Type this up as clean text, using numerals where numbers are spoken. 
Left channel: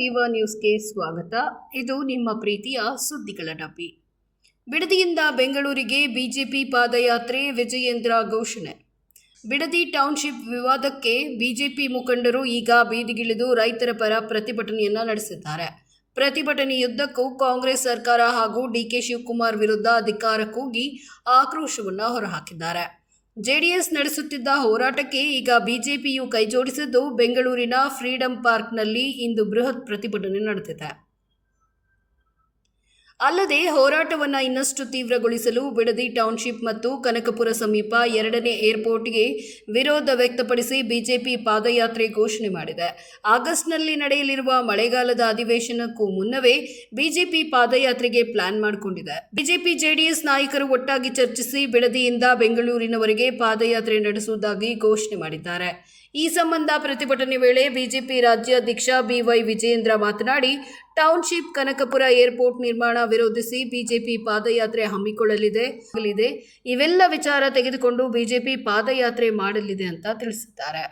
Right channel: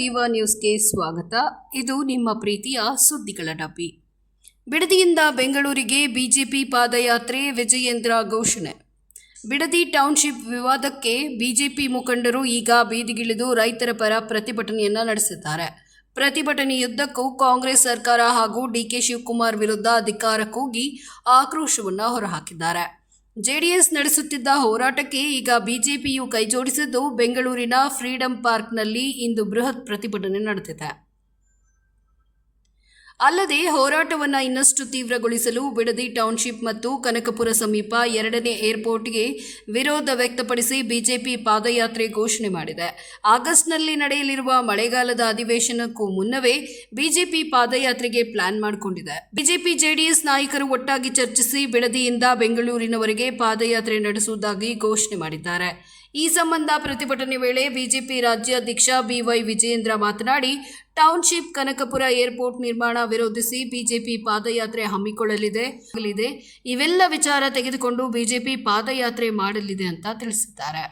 ವಿವಾ ನ್ಯೂಸ್ಗೆ ಸ್ವಾಗತ. ಇದು ನಿಮ್ಮ ಪ್ರೀತಿಯ ಸುದ್ದಿಗಳ ಡಬ್ಬಿ. ಬಿಡದಿಯಿಂದ ಬೆಂಗಳೂರಿಗೆ ಬಿಜೆಪಿ ಪಾದಯಾತ್ರೆ, ವಿಜಯೇಂದ್ರ ಘೋಷಣೆ. ಬಿಡದಿ ಟೌನ್ಶಿಪ್ ವಿವಾದಕ್ಕೆ ಬಿಜೆಪಿ ಮುಖಂಡರು ಈಗ ಬೀದಿಗಿಳಿದು ರೈತರ ಪರ ಪ್ರತಿಭಟನೆಯನ್ನ ನಡೆಸಿದ್ದಾರೆ. ಪ್ರತಿಭಟನೆಯುದ್ದಕ್ಕೂ ಕಾಂಗ್ರೆಸ್ ಸರ್ಕಾರ ಹಾಗೂ ಡಿಕೆ ಶಿವಕುಮಾರ್ ವಿರುದ್ಧ ಅಧಿಕಾರಕ್ಕೋಗಿ ಆಕ್ರೋಶವನ್ನು ಹೊರಹಾಕಿದ್ದಾರೆ. ಜೆಡಿಎಸ್ ನಡೆಸುತ್ತಿದ್ದ ಹೋರಾಟಕ್ಕೆ ಈಗ ಬಿಜೆಪಿಯು ಕೈಜೋಡಿಸಿದ್ದು, ಬೆಂಗಳೂರಿನ ಫ್ರೀಡಂ ಪಾರ್ಕ್ನಲ್ಲಿ ಇಂದು ಬೃಹತ್ ಪ್ರತಿಭಟನೆ ನಡೆದಿದೆ. ಅಲ್ಲದೆ ಹೋರಾಟವನ್ನು ಇನ್ನಷ್ಟು ತೀವ್ರಗೊಳಿಸಲು ಬಿಡದಿ ಟೌನ್ಶಿಪ್ ಮತ್ತು ಕನಕಪುರ ಸಮೀಪ 2ನೇ ಏರ್ಪೋರ್ಟ್ಗೆ ವಿರೋಧ ವ್ಯಕ್ತಪಡಿಸಿ ಬಿಜೆಪಿ ಪಾದಯಾತ್ರೆ ಘೋಷಣೆ ಮಾಡಿದೆ. ಆಗಸ್ಟ್ನಲ್ಲಿ ನಡೆಯಲಿರುವ ಮಳೆಗಾಲದ ಅಧಿವೇಶನಕ್ಕೂ ಮುನ್ನವೇ ಬಿಜೆಪಿ ಪಾದಯಾತ್ರೆಗೆ ಪ್ಲಾನ್ ಮಾಡಿಕೊಂಡಿದೆ. ಬಿಜೆಪಿ ಜೆಡಿಎಸ್ ನಾಯಕರು ಒಟ್ಟಾಗಿ ಚರ್ಚಿಸಿ ಬಿಡದಿಯಿಂದ ಬೆಂಗಳೂರಿನವರೆಗೆ ಪಾದಯಾತ್ರೆ ನಡೆಸುವುದಾಗಿ ಘೋಷಣೆ ಮಾಡಿದ್ದಾರೆ. ಈ ಸಂಬಂಧ ಪ್ರತಿಭಟನೆ ವೇಳೆ ಬಿಜೆಪಿ ರಾಜ್ಯಾಧ್ಯಕ್ಷ ಬಿವೈ ವಿಜಯೇಂದ್ರ ಮಾತನಾಡಿ, ಟೌನ್ಶಿಪ್ ಕನಕಪುರ ಏರ್ಪೋರ್ಟ್ ನಿರ್ಮಾಣ ವಿರೋಧಿಸಿ ಬಿಜೆಪಿ ಪಾದಯಾತ್ರೆ ಹಮ್ಮಿಕೊಳ್ಳಲಿದೆ. ಇವೆಲ್ಲ ವಿಚಾರ ತೆಗೆದುಕೊಂಡು ಬಿಜೆಪಿ ಪಾದಯಾತ್ರೆ ಮಾಡಲಿದೆ ಅಂತ ತಿಳಿಸಿದ್ದಾರೆ.